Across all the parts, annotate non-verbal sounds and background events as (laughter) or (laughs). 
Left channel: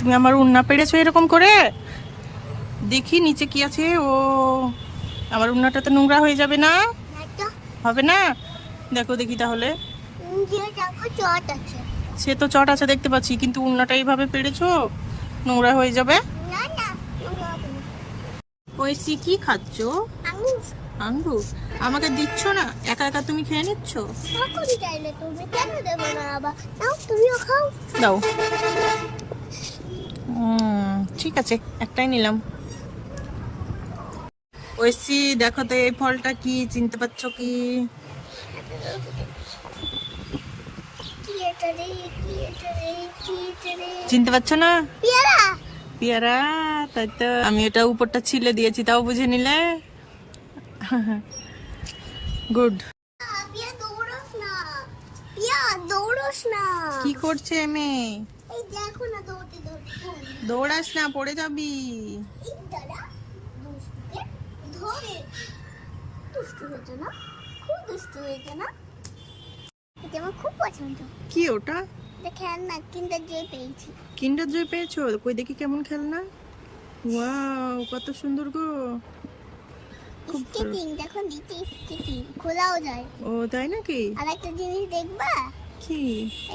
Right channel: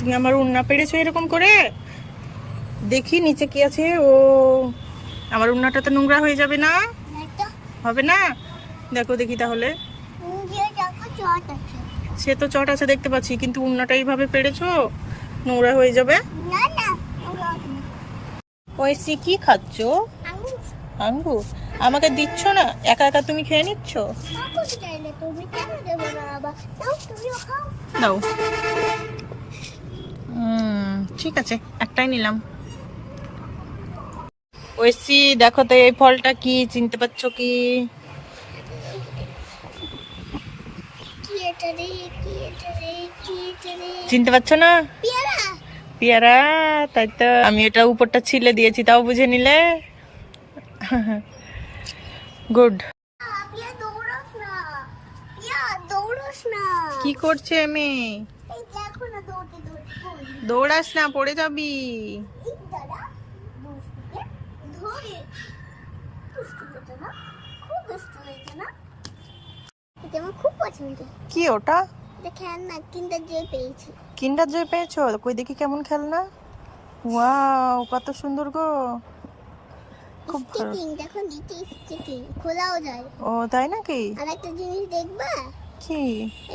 তুমি আমার উন্না পেরেছ এরকম করে? দেখি নিচে কি আছে। ও আমার উন্নাটা তো নোংরা হয়ে যাবে না? হবে না? দেখো দেখি তাহলে। সে তো চট আছে দেখতে পাচ্ছি। কিন্তু উন্নাটা এইভাবে পেরেছ? নোংরা হয়ে যাবে? না না ওই সি কি খাচ্ছ? আমি আঙ্গুর? আমাকে দিচ্ছ না? একা একা তুমি খেয়ে নিচ্ছ? দাও। ঠিক আছে একটাই নিলাম। ওইসি দেখো তো এই ফলটা কি চিনতে পারছ কি? চিনতে পারছ না? পেয়ারা তাই তো। আমি এটা উপরটা ছিলে দিয়েছি তাও বুঝে নিলে? গুড। কি করছে মেয়ে দেখো না। দৌড়াস না পড়ে যাবি। কি ওটা? কিন্ডার জয় পেয়েছ। কই দেখি কেমন খেলনা। ওয়াও কত সুন্দর গো। খুব ভালো। দেখো নিচে খোলাও যায়। ও তাই নাকি? আর একটা জিনিস দেখবা? কি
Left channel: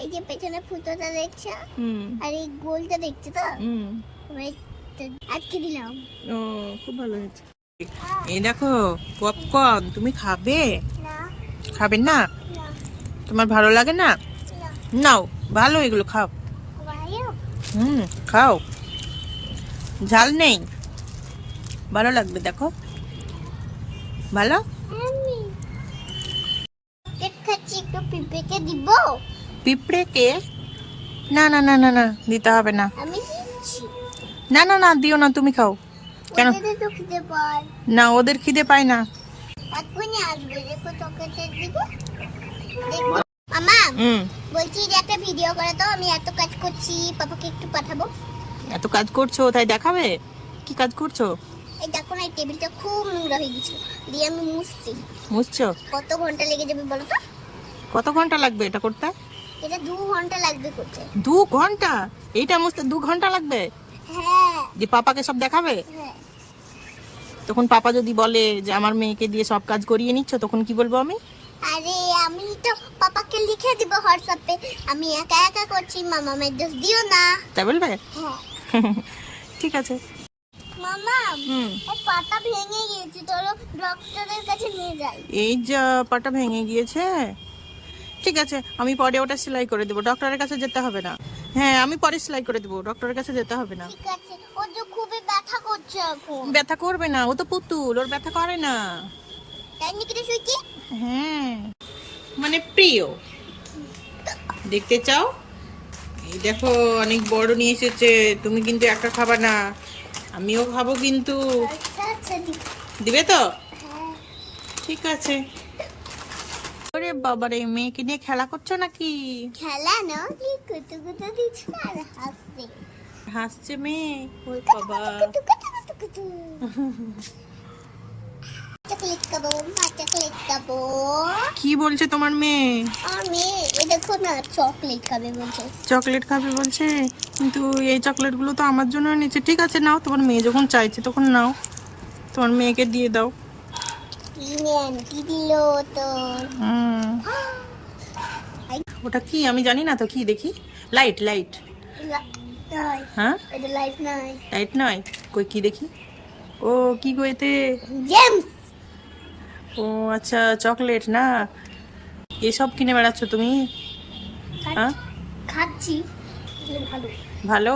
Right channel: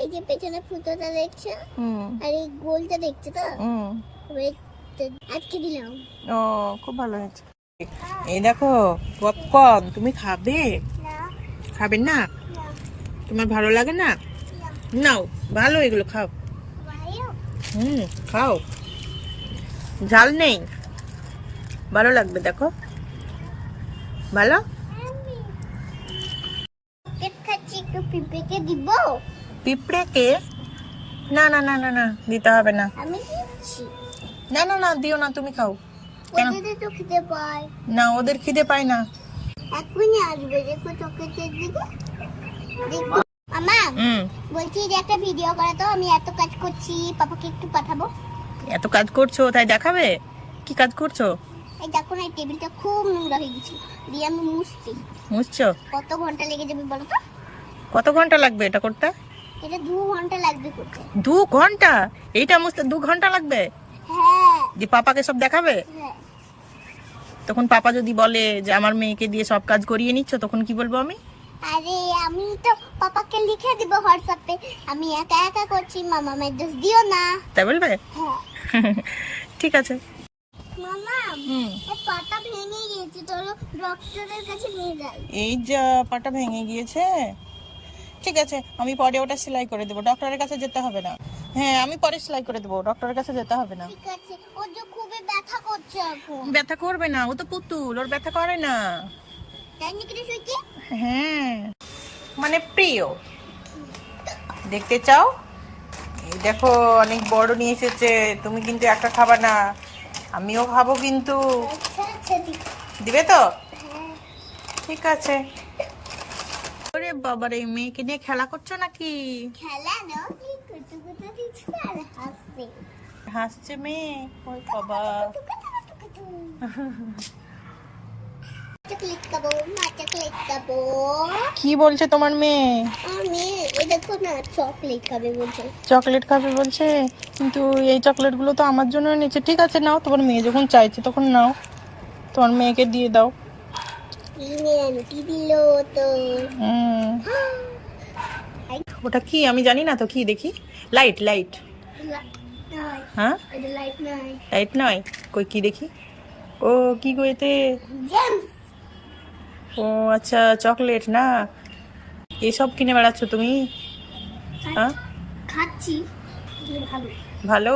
এই যে পেছনে ফুটোটা দেখছ? হুম। আর এই গোলটা দেখছ তো? হুম। আজকে দিলাম। ও খুব ভালো হয়েছে। এই দেখো পপকর্ন তুমি খাবে? না। খাবে না? তোমার ভালো লাগে না? নাও ভালো এগুলো খাও। হুম খাও। ঝাল নেই। ভালো লাগবে দেখো। ভালো? পিঁপড়েকে দিব? পিঁপড়েকে? না না না না না দিতে হবে না। আমি দিচ্ছি। না না না দিও না তুমি খাও। কেন? না ওদের খিদে পায় না। এখনই আসবে দেখো চোখের দিকে দেখব আমা বলছি যে একটা ভিডিও করে তো আমি এত কাজ করছি পাপাকে একটু পাঠাবো। এত কাজ করছ তাই দেখাবে? কি কাজ করছ? এই দেখো না এই টেবিলটা খুব নোংরা হয়ে গেছে। দিয়ে আমি মুছছি। মুছছো? কত ঘণ্টা লেগে যাবে বলো তো? কত ঘণ্টা লাগবে এটা করতে? এটা দু ঘণ্টা লাগবে করতে। দু ঘণ্টা? এইটা মুছতে দু ঘণ্টা লাগবে? হ্যাঁ। যে পাপাকে সব দেখাবে? হ্যাঁ। তখন পাপা যদি বলে যে আমার মেয়েকে দিয়ে সব কাজ করিয়ে নিচ্ছ তখন কি বলব আমি? আরে আমি তো পাপাকে লিখে দিব হোয়াটসঅ্যাপে। আমি একা একা করছি মামা দিও না। তাই বলবে? হ্যাঁ। (laughs) ঠিক আছে। মামা পাটা ভেঙে গিয়েছে চলো ডক্টরের কাছে নিয়ে যাই। এই যা পাটা ভেঙে গিয়েছে। ঠিক আছে আমি পরে ওটা সেলাই করে দেবো। ডক্টরের কাছে যেতে হবে না। হ্যাঁ আমি পরে সেলাই করে দেবো। ডক্টরের কাছে যেতে হবে না। ব্যথা করবে না ও তো পুতুল ওর ব্যথা করে না। হ্যাঁ মানে প্রিয়। দেখতে চাও? এই দেখো অনেক বড় নিয়ে এসেছে। তুমি কিন্তু একটা খাবা না। আমিও খাব কিন্তু। আচ্ছা আচ্ছা দিবে তো? হ্যাঁ। ঠিক আছে। ওরে বাবারে মেয়েকে নিয়ে খেলা করছ নাকি? খেলা না কি কুতু কুতু দিচ্ছে আর হাসছে। হাসছে মেয়ে? ওই বাবা। চকলেট চকলেট কি বলছে তোমার মেয়ে? চকলেট খাবে বলছে। চকলেট খাবে বলছে? কিন্তু এই চকলেটগুলো তো আমার জন্য নিচ্ছে। ঠিক আছে নাও তোমার মেয়ে যখন চাইছে তখন নাও। তোমার মেয়েকে দিয়ে দাও কি নেন কি দিল তো হুম ওটা কি? আমি জানি না তো কি দেখি? লাইট লাইট হ্যাঁ? লাইট নয়। কই কি দেখি? ও কি গো এতে? জেমস ও আচ্ছা চকলেট না? এসব কিনে বেড়াচ্ছ তুমি? হ্যাঁ? খাচ্ছি। ভালো। ভালো?